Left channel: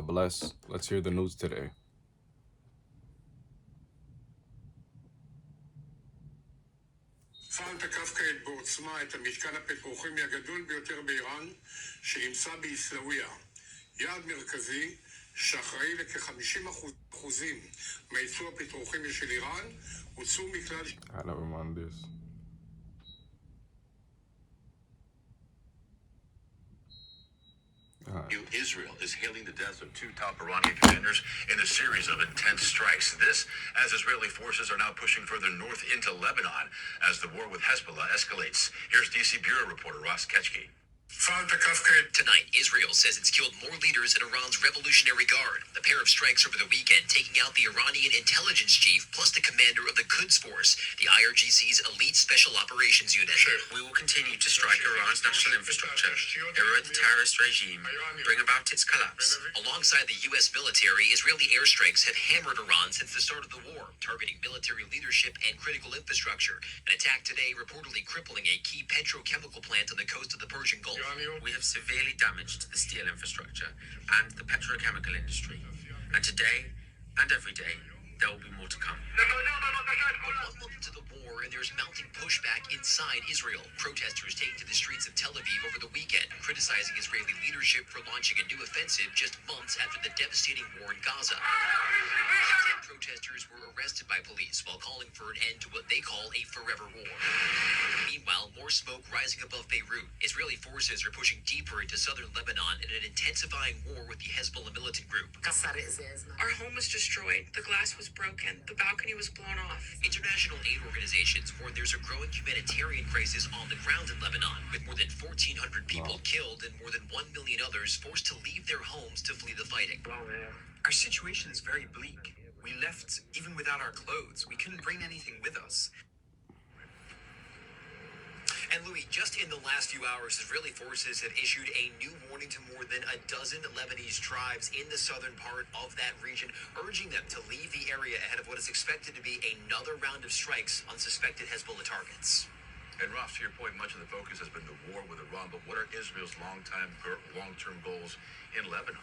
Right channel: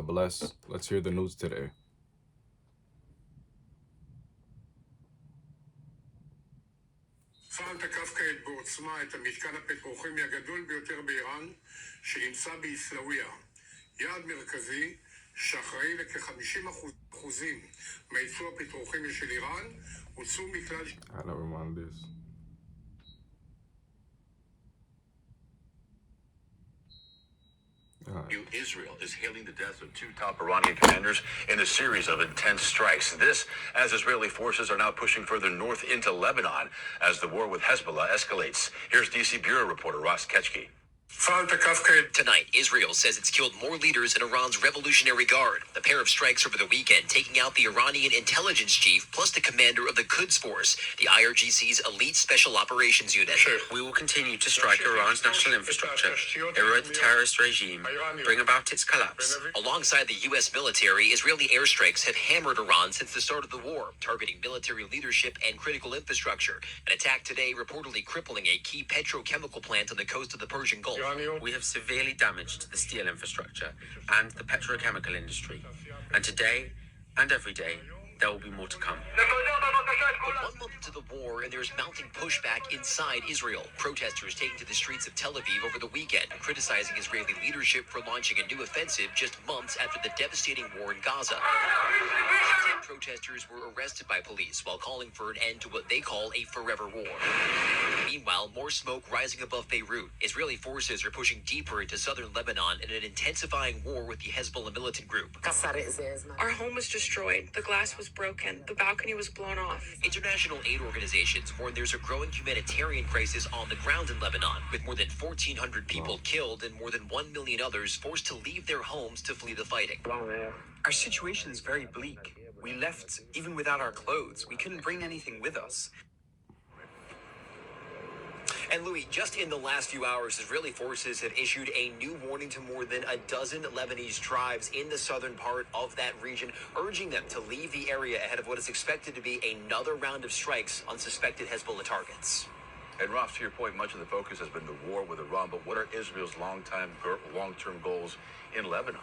God bless. Let's hear the news today. צה"ל תקף כעת בעוצמה את המתקן הפטרוכימי הגדול ביותר באיראן שנמצא בעיסאוויה. יעד מרכזי שאחראי לכ-50% מהייצוא הפטרוכימי של איראן הוצאו מכלל... I never mind this. Israel is hailing the deaths of two top Iranian commanders in a series of intense strikes. This, as Israeli forces are now pushing further north into Lebanon as the war with Hezbollah escalates. Here's DC Bureau reporter Ross Ketchke. Tonight, Israel says it's killed more leaders in Iran's Revolutionary Guard. The pair of strikes over the weekend taking out the Iranian intelligence chief plus the commander of the Quds Force, the IRGC's elite special operations unit. We will continue to strike Iran's national infrastructure, erode the terrorist regime, bring about its collapse. Alongside the U.S. military, Israeli airstrikes have hammered Iran since the start of the war, targeting military leadership and critical infrastructure. An attack today reportedly crippling a key petrochemical plant on the coast of the Persian Gulf. We have severely damaged the steel infrastructure and the petrochemical industry. And today, and every day, there will be more to come. But 1 month into the war, and there's mounting pushback inside Israel. Protesters taking to the streets of Tel Aviv over the weekend, criticizing Israeli leadership for launching a new offensive just months after the devastating war in Gaza. 10 protesters were arrested by police while calling for an end to what they call a forever war. Meanwhile, more smoke rising above Beirut. Israeli forces are pushing deeper into southern Lebanon in an intensifying war with the Hezbollah militant group. Our home was destroyed. The glass was broken. The balcony was blown off. International aid organizations warn there's a growing humanitarian crisis on the ground in Lebanon, with more than 1,400 people killed and more than 1 million others forced to leave their homes to flee the fighting. Our situation is very bleak. We left even without our clothes. We couldn't bring anything with us. And Louis, just in the last few hours, Israeli forces have issued a new warning to more than a dozen Lebanese tribes in the southern part of that region, urging them to leave the area ahead of what is expected to be another round of strikes on suspected Hezbollah targets. And Ross, to your point, much of the focus has been the war with Iran, but what are Israel's long-term goals in Lebanon?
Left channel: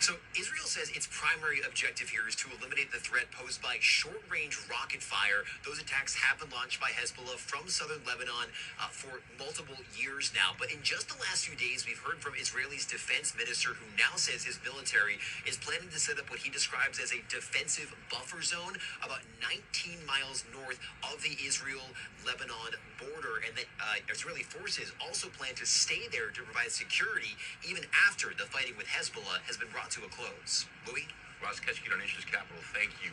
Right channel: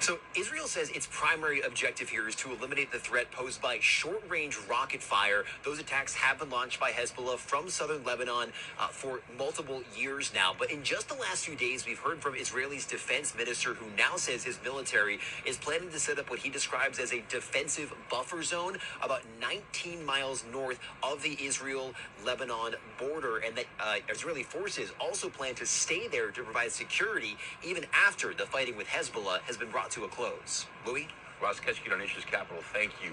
So Israel says its primary objective here is to eliminate the threat posed by short-range rocket fire. Those attacks have been launched by Hezbollah from southern Lebanon for multiple years now. But in just the last few days, we've heard from Israel's defense minister, who now says his military is planning to set up what he describes as a defensive buffer zone about 19 miles north of the Israel-Lebanon border, and that Israeli forces also plan to stay there to provide security even after the fighting with Hezbollah has been brought to a close. Louis? Ross Ketchke on Asia's Capital, thank you.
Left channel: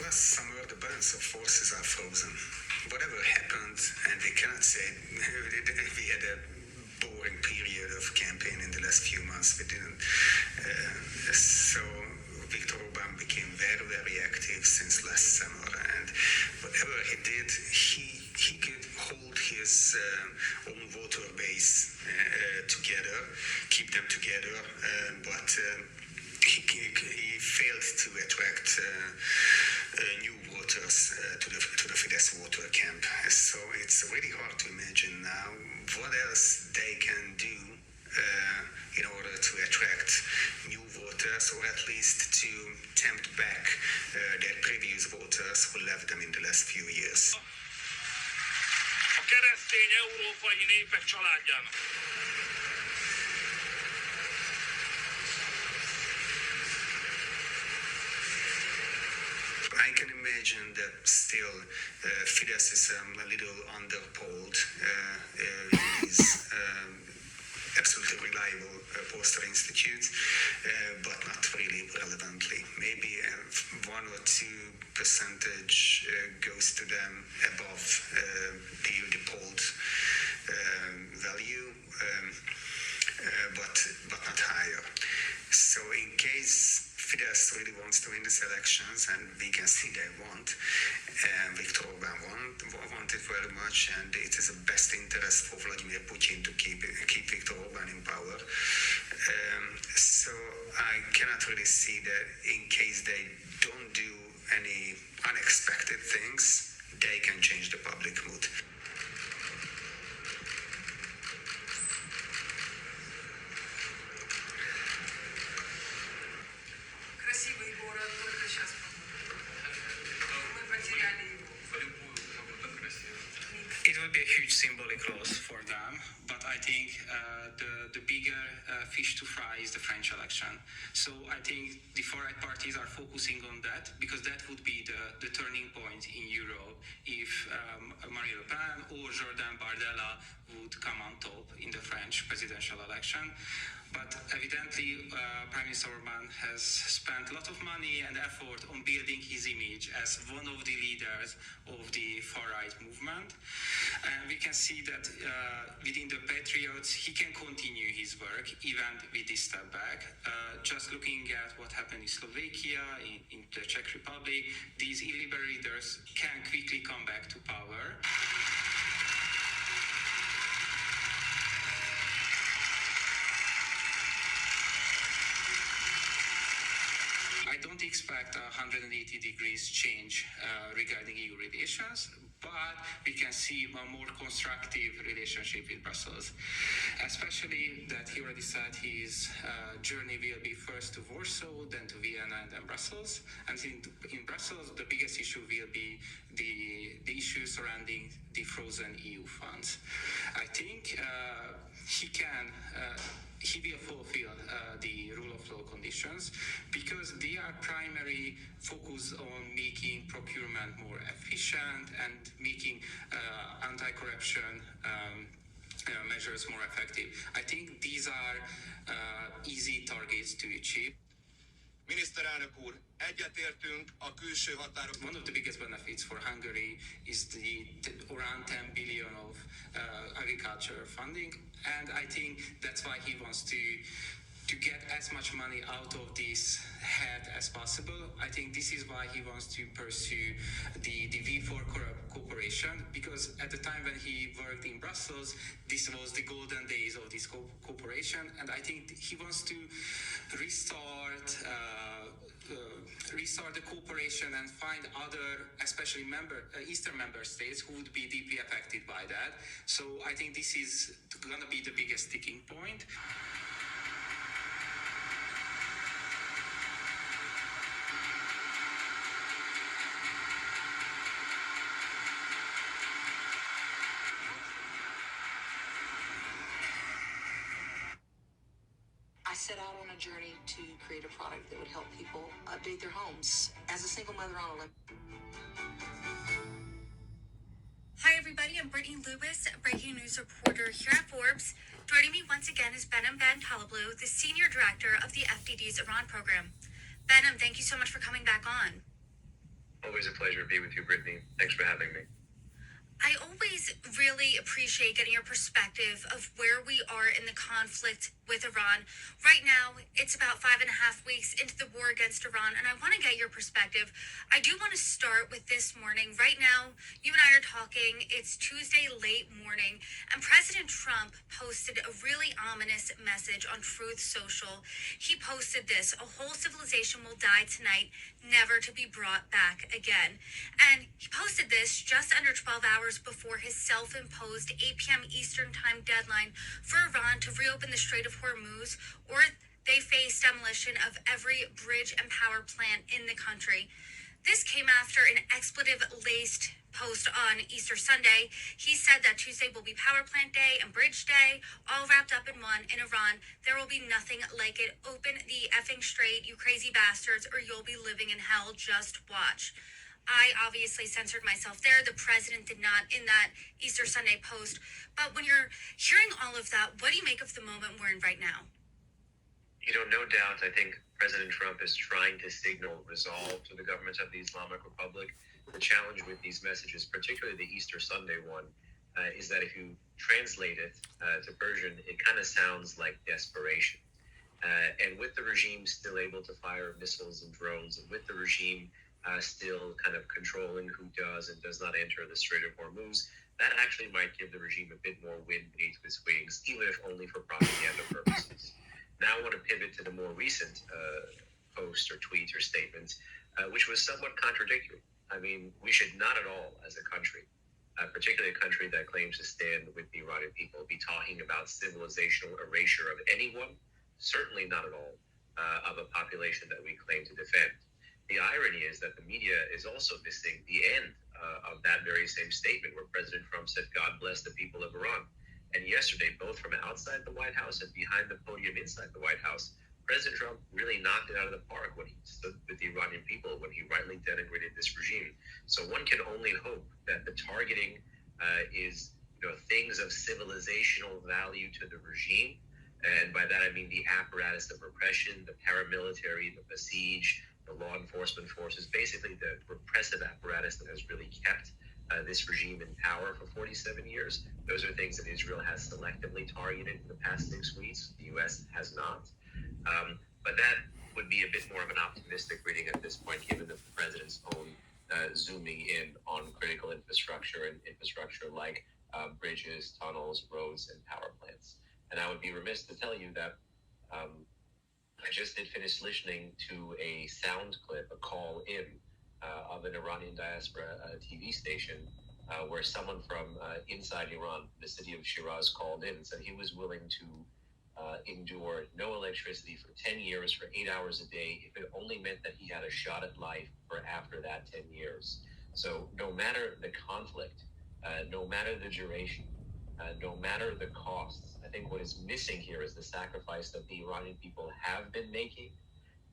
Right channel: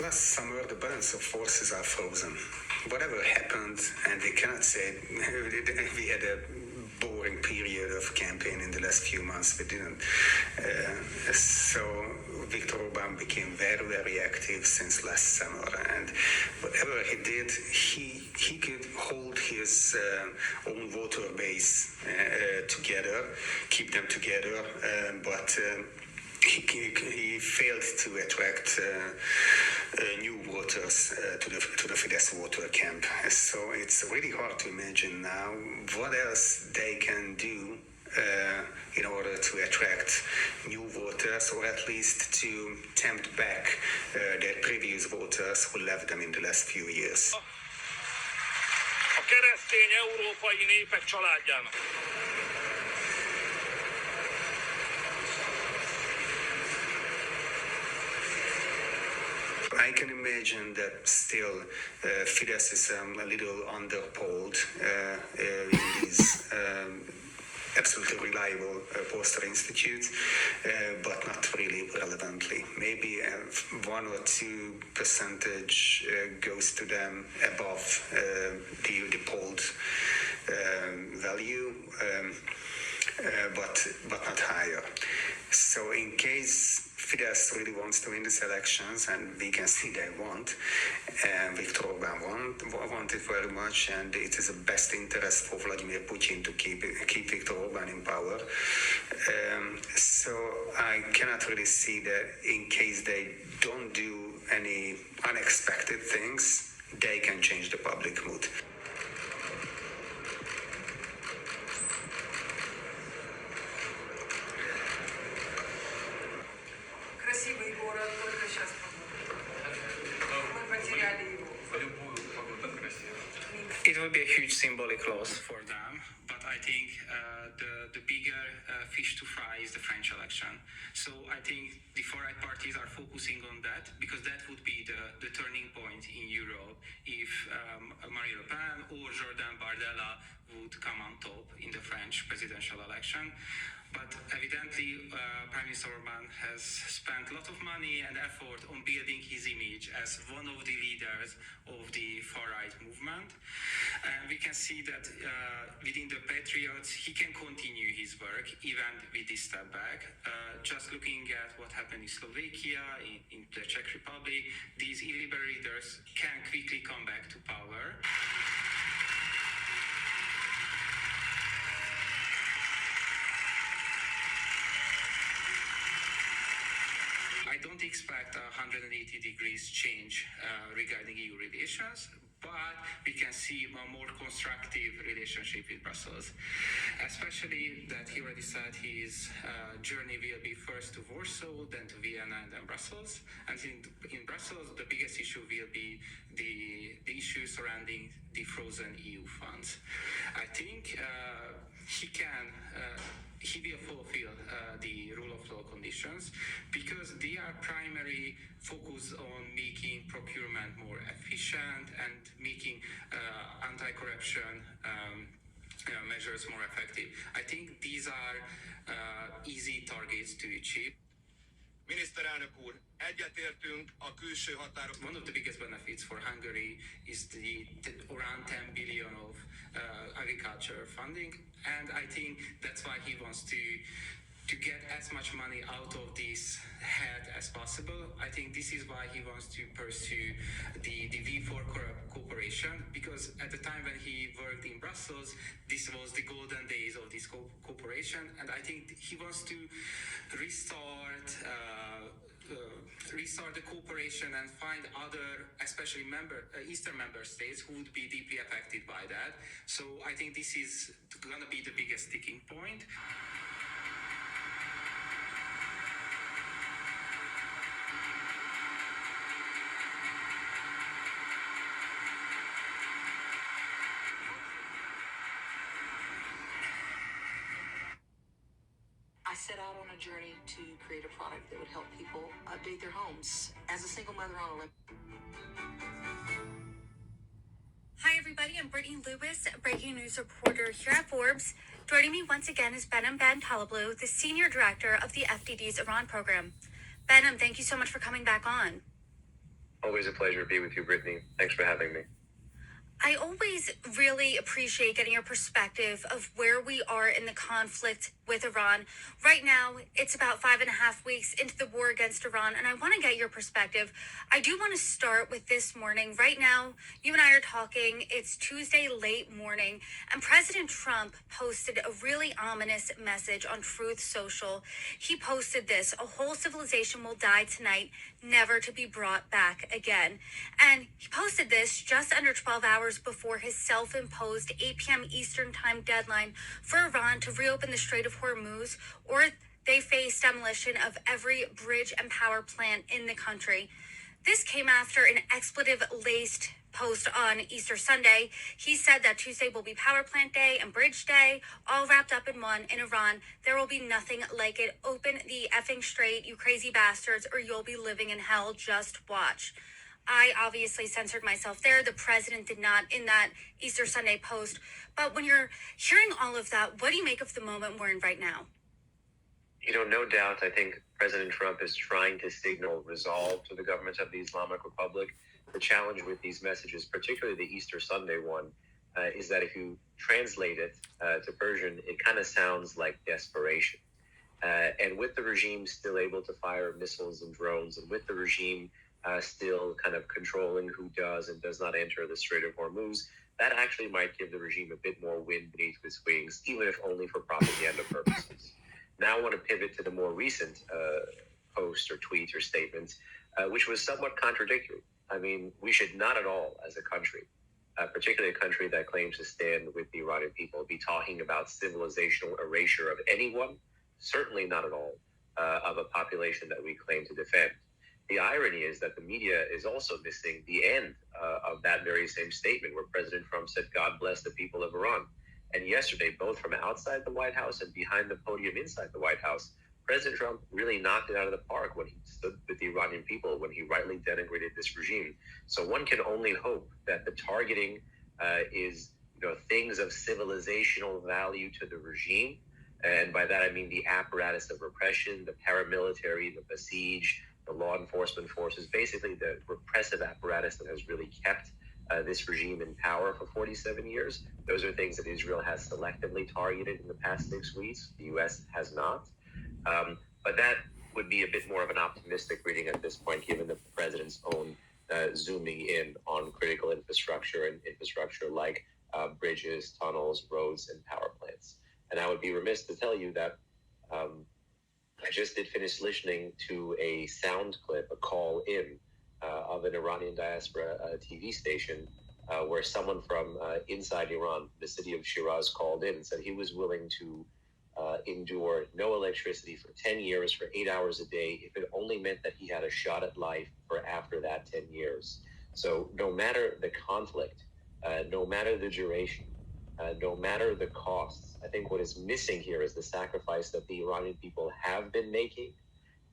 Last summer, the balance of forces are frozen. Whatever happened, and they cannot say we had a boring period of campaign in the last few months. We didn't. So Viktor Orban became very, very active since last summer, and whatever he did, he could hold his own voter base together, keep them together, but he failed to attract new voters to the Fidesz voter camp. So it's really hard to imagine now what else they can do in order to attract new voters, or at least to tempt back their previous voters who left them in the last few years. A keresztény európai népek családjának. I can imagine that still Fidesz is a little underpolled in these absolutely reliable pollster institutes, but not really relevantly. Maybe 1 or 2% goes to them above the polled value, but not higher. So in case Fidesz really wants to win these elections, and we can see they want. Viktor Orbán want it very much, and it is the best interest for Vladimir Putin to keep Viktor Orbán in power. So I cannot really see that in case they don't do any unexpected things, they can change the public mood. It will be a huge symbolic loss for them, but I think the bigger fish to fry is the French election. So I think the far-right parties are focusing on that because that would be the turning point in Europe if Marine Le Pen or Jordan Bardella would come on top in the French presidential election. But evidently, Prime Minister Orbán has spent a lot of money and effort on building his image as one of the leaders of the far-right movement. And we can see that within the Patriots, he can continue his work even with this step back. Just looking at what happened in Slovakia, in the Czech Republic, these illiberal leaders can quickly come back to power. I don't expect a 180 degrees change regarding EU relations, but we can see a more constructive relationship with Brussels, especially that he already said his journey will be first to Warsaw, then to Vienna, and then Brussels. And in Brussels, the biggest issue will be the issue surrounding the frozen EU funds. I think he will fulfill the rule of law conditions because they are primarily focused on making procurement more efficient and making anti-corruption measures more effective. I think these are easy targets to achieve. Miniszterelnök úr, egyetértünk a külső határok. One of the biggest benefits for Hungary is the around 10 billion of agriculture funding, and I think that's why he wants to get as much money out of this head as possible. I think this is why he wants to pursue the V4 cooperation, because at the time when he worked in Brussels, this was the golden days of this cooperation, and I think he wants to restart the cooperation and find other, especially Eastern member states who would be deeply affected by that. So I think this is going to be the biggest sticking point. I set out on a journey to create a product that would help people update their homes as a single mother on a Hi everybody, I'm Brittany Lewis, breaking news reporter here at Forbes. Joining me once again is Behnam Ben Taleblu, the Senior Director of the FDD's Iran program. Behnam, thank you so much for coming back on. Always a pleasure to be with you, Brittany. Thanks for having me. I always really appreciate getting your perspective of where we are in the conflict with Iran. Right now, it's about 5.5 weeks into the war against Iran, and I want to get your perspective. I do want to start with this morning. Right now, you and I are talking. It's Tuesday late morning, and President Trump posted a really ominous message on Truth Social. He posted this: "A whole civilization will die tonight, never to be brought back again." And he posted this just under 12 hours before his self-imposed 8 p.m. Eastern time deadline for Iran to reopen the Strait of Hormuz, or they face demolition of every bridge and power plant in the country. This came after an expletive-laced post on Easter Sunday. He said that Tuesday will be Power Plant Day and Bridge Day, all wrapped up in one. In Iran, there will be nothing like it. Open the effing strait, you crazy bastards, or you'll be living in hell. Just watch. I obviously censored myself there. The president did not in that Easter Sunday post. But when you're hearing all of that, what do you make of the moment we're in right now? You know, no doubt, I think President Trump is trying to signal resolve to the government of the Islamic Republic. The challenge with these messages, particularly the Easter Sunday one, is that if you translate it to Persian, it kind of sounds like desperation. And with the regime still able to fire missiles and drones, and with the regime still kind of controlling who does and does not enter the Strait of Hormuz, that actually might give the regime a bit more wind beneath its wings, even if only for propaganda purposes. Now I want to pivot to the more recent post or tweet or statement, which was somewhat contradictory. I mean, we should not at all, as a country, particularly a country that claims to stand with the Iranian people, be talking about civilizational erasure of anyone, certainly not at all of a population that we claim to defend. The irony is that the media is also missing the end of that very same statement where President Trump said, God bless the people of Iran. And yesterday, both from outside the White House and behind the podium inside the White House, President Trump really knocked it out of the park when he stood with the Iranian people, when he rightly denigrated this regime. So one can only hope that the targeting is things of civilizational value to the regime. And by that, I mean the apparatus of repression, the paramilitary, the besiege, the law enforcement forces, basically the repressive apparatus that has really kept this regime in power for 47 years. Those are things that Israel has selectively targeted in the past 6 weeks. The U.S. has not. But that would be a bit more of an optimistic reading at this point, given the president's own zooming in on critical infrastructure and infrastructure like bridges, tunnels, roads, and power plants. And I would be remiss to tell you that I just did finish listening to a sound clip, a call in of an Iranian diaspora TV station where someone from inside Iran, the city of Shiraz, called in and said he was willing to endure no electricity for 10 years, for 8 hours a day, if it only meant that he had a shot at life for after that 10 years. So no matter the conflict, no matter the duration, no matter the costs, I think what is missing here is the sacrifice that the Iranian people have been making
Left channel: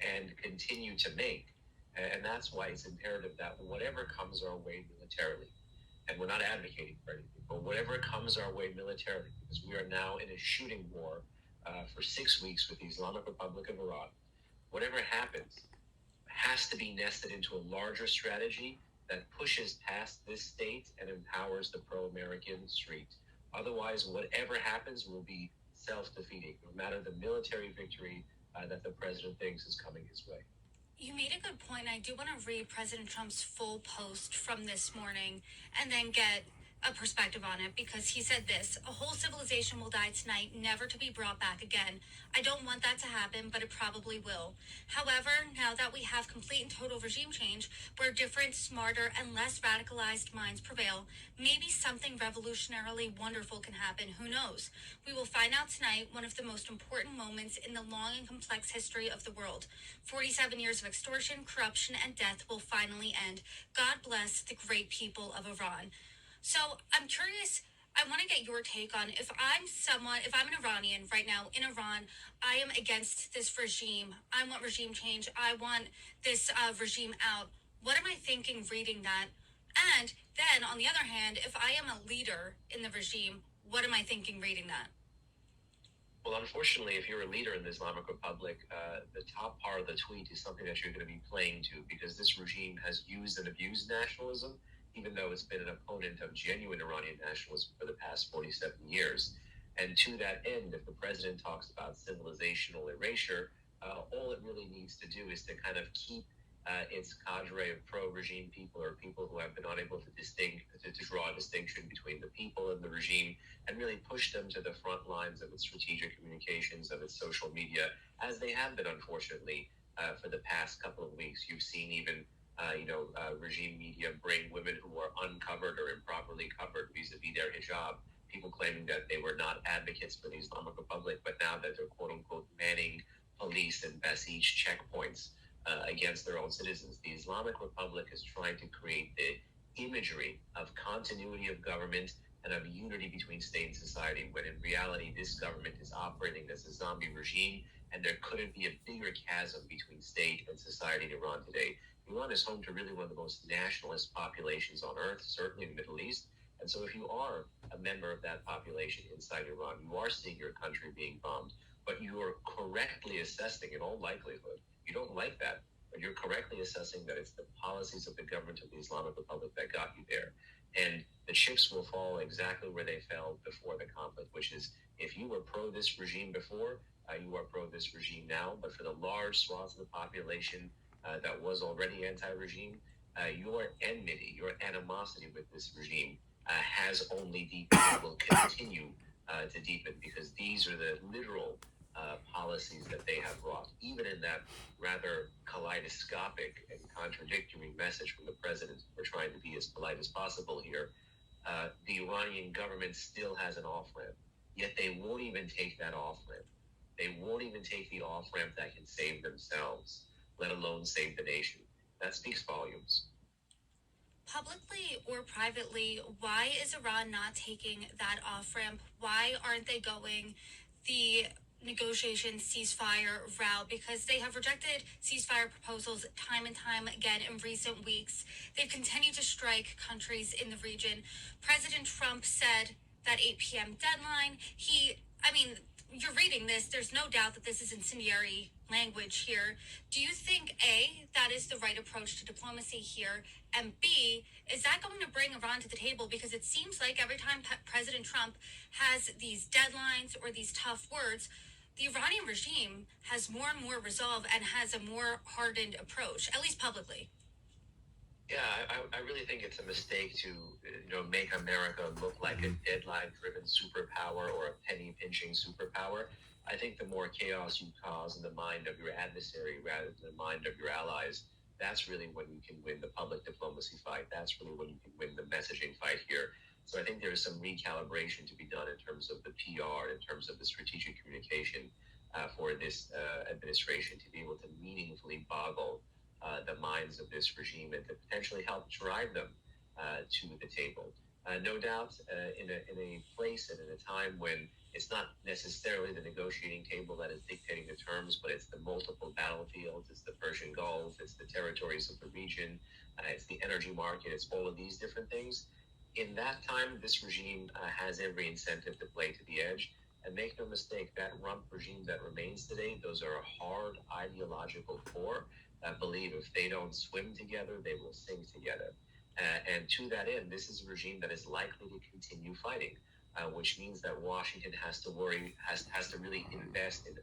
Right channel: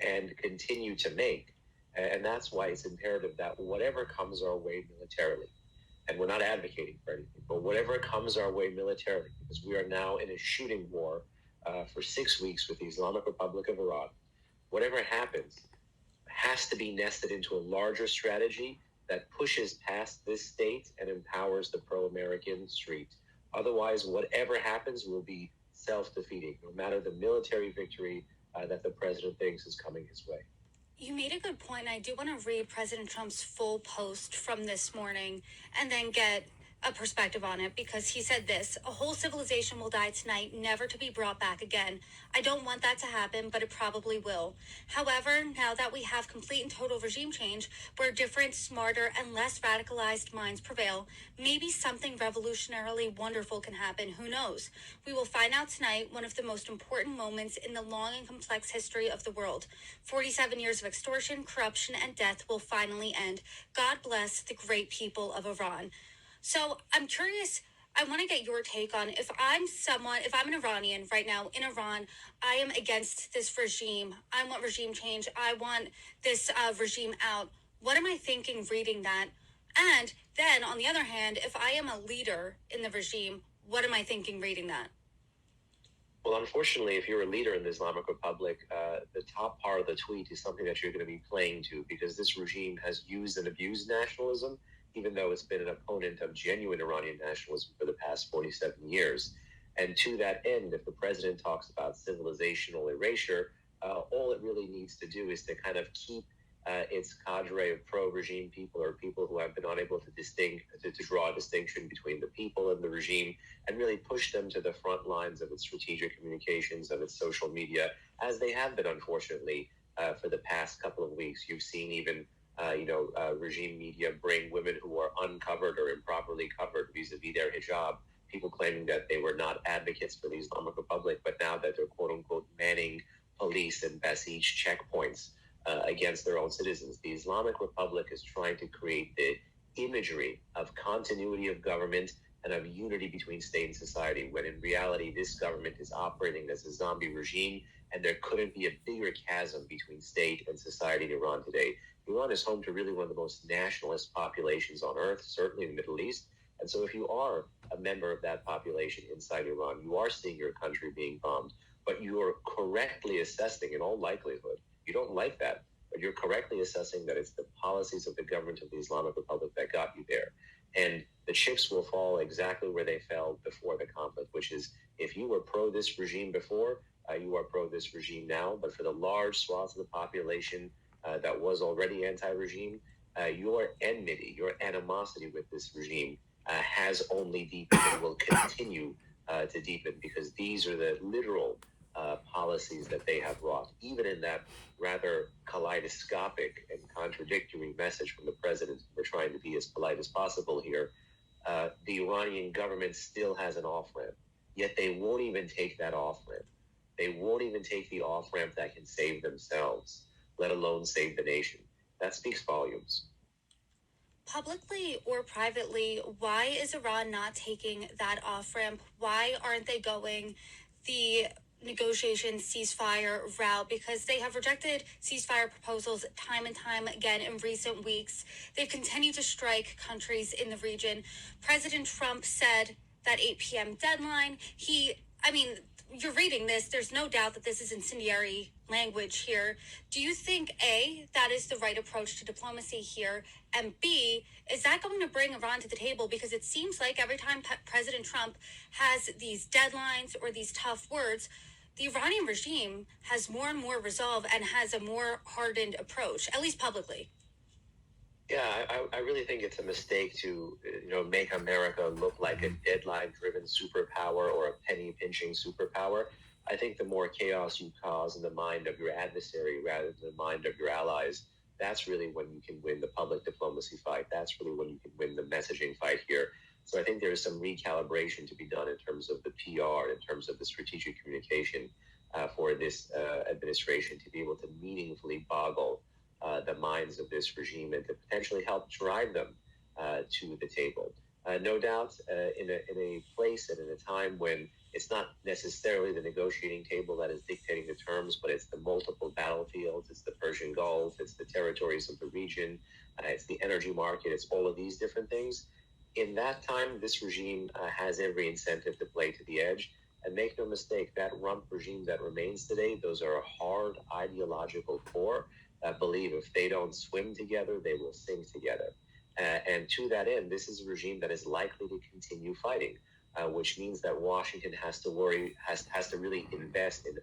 and continue to make. And that's why it's imperative that whatever comes our way militarily, and we're not advocating for anything, but whatever comes our way militarily, because we are now in a shooting war for 6 weeks with the Islamic Republic of Iran, whatever happens has to be nested into a larger strategy that pushes past this state and empowers the pro-American street. Otherwise, whatever happens will be self-defeating, no matter the military victory that the president thinks is coming his way. You made a good point. I do want to read President Trump's full post from this morning and then get a perspective on it, because he said this: a whole civilization will die tonight, never to be brought back again. I don't want that to happen, but it probably will. However, now that we have complete and total regime change, where different, smarter, and less radicalized minds prevail, maybe something revolutionarily wonderful can happen. Who knows? We will find out tonight, one of the most important moments in the long and complex history of the world. 47 years of extortion, corruption, and death will finally end. God bless the great people of Iran. So I'm curious, I want to get your take on, if I'm an Iranian right now in Iran, I am against this regime. I want regime change. I want this regime out. What am I thinking reading that? And then on the other hand, if I am a leader in the regime, what am I thinking reading that? Well, unfortunately, if you're a leader in the Islamic Republic, the top part of the tweet is something that you're going to be playing to, because this regime has used and abused nationalism, even though it's been an opponent of genuine Iranian nationalism for the past 47 years. And to that end, if the president talks about civilizational erasure, all it really needs to do is to kind of keep its cadre of pro-regime people, or people who have been unable to draw a distinction between the people and the regime, and really push them to the front lines of its strategic communications, of its social media, as they have been, unfortunately, for the past couple of weeks. You've seen even regime media bring women who are uncovered or improperly covered vis-a-vis their hijab, people claiming that they were not advocates for the Islamic Republic, but now that they're quote-unquote manning police and besiege checkpoints against their own citizens. The Islamic Republic is trying to create the imagery of continuity of government and of unity between state and society, when in reality this government is operating as a zombie regime, and there couldn't be a bigger chasm between state and society in Iran today. Iran is home to really one of the most nationalist populations on earth, certainly in the Middle East. And so if you are a member of that population inside Iran, you are seeing your country being bombed, but you are correctly assessing, in all likelihood, you don't like that, but you're correctly assessing that it's the policies of the government of the Islamic Republic that got you there. And the chips will fall exactly where they fell before the conflict, which is, if you were pro this regime before, you are pro this regime now, but for the large swaths of the population that was already anti-regime, your enmity, your animosity with this regime has only deepened and will continue to deepen, because these are the literal policies that they have wrought. Even in that rather kaleidoscopic and contradictory message from the president, we're trying to be as polite as possible here, the Iranian government still has an off-ramp, yet they won't even take that off-ramp. They won't even take the off-ramp that can save themselves, let alone save the nation. That speaks volumes. Publicly or privately, why is Iran not taking that off-ramp? Why aren't they going the negotiation ceasefire route? Because they have rejected ceasefire proposals time and time again in recent weeks. They've continued to strike countries in the region. President Trump said that 8 p.m. deadline. You're reading this, there's no doubt that this is incendiary language here. Do you think, A, that is the right approach to diplomacy here, and B, is that going to bring Iran to the table? Because it seems like every time President Trump has these deadlines or these tough words, the Iranian regime has more and more resolve and has a more hardened approach, at least publicly. Yeah, I really think it's a mistake to make America look like a deadline-driven superpower or a penny-pinching superpower. I think the more chaos you cause in the mind of your adversary rather than the mind of your allies, that's really when you can win the public diplomacy fight. That's really when you can win the messaging fight here. So I think there's some recalibration to be done in terms of the PR, in terms of the strategic communication for this administration to be able to meaningfully boggle the minds of this regime and to potentially help drive them to the table. No doubt, in a place and in a time when it's not necessarily the negotiating table that is dictating the terms, but it's the multiple battlefields, it's the Persian Gulf, it's the territories of the region, it's the energy market, it's all of these different things. In that time, this regime has every incentive to play to the edge. And make no mistake, that rump regime that remains today, those are a hard ideological core that believe if they don't swim together, they will sink together. And to that end, this is a regime that is likely to continue fighting, which means that Washington has to really invest in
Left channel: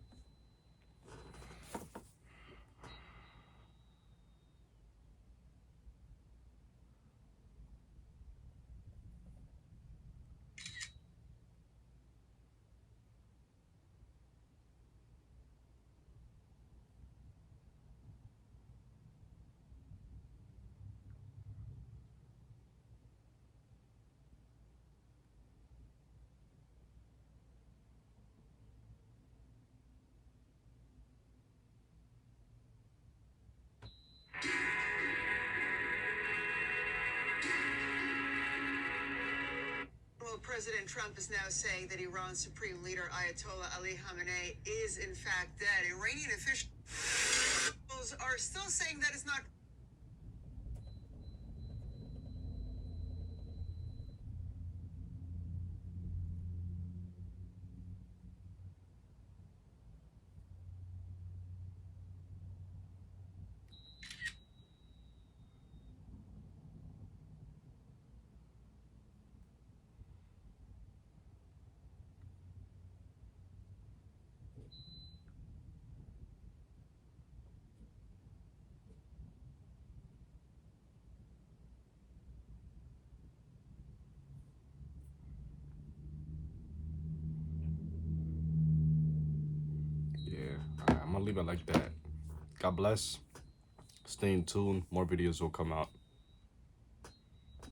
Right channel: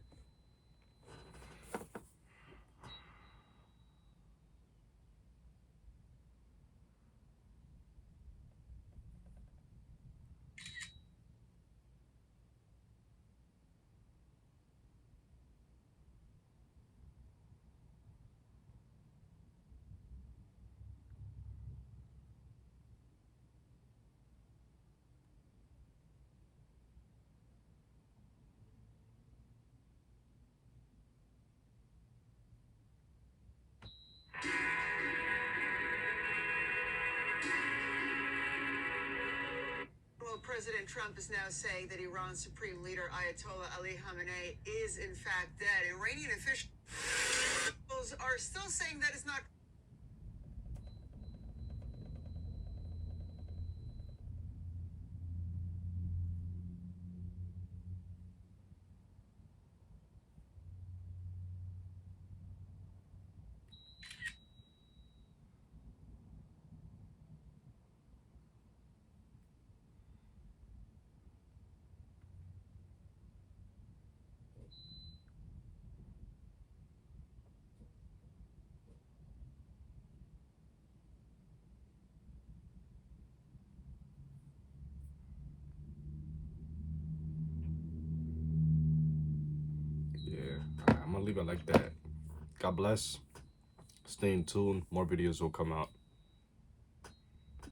President Trump is now saying that Iran's supreme leader, Ayatollah Ali Khamenei, is in fact dead. Iranian officials are still saying that is not. I'm gonna leave it like that. God bless. Stay in tune. More videos will come out.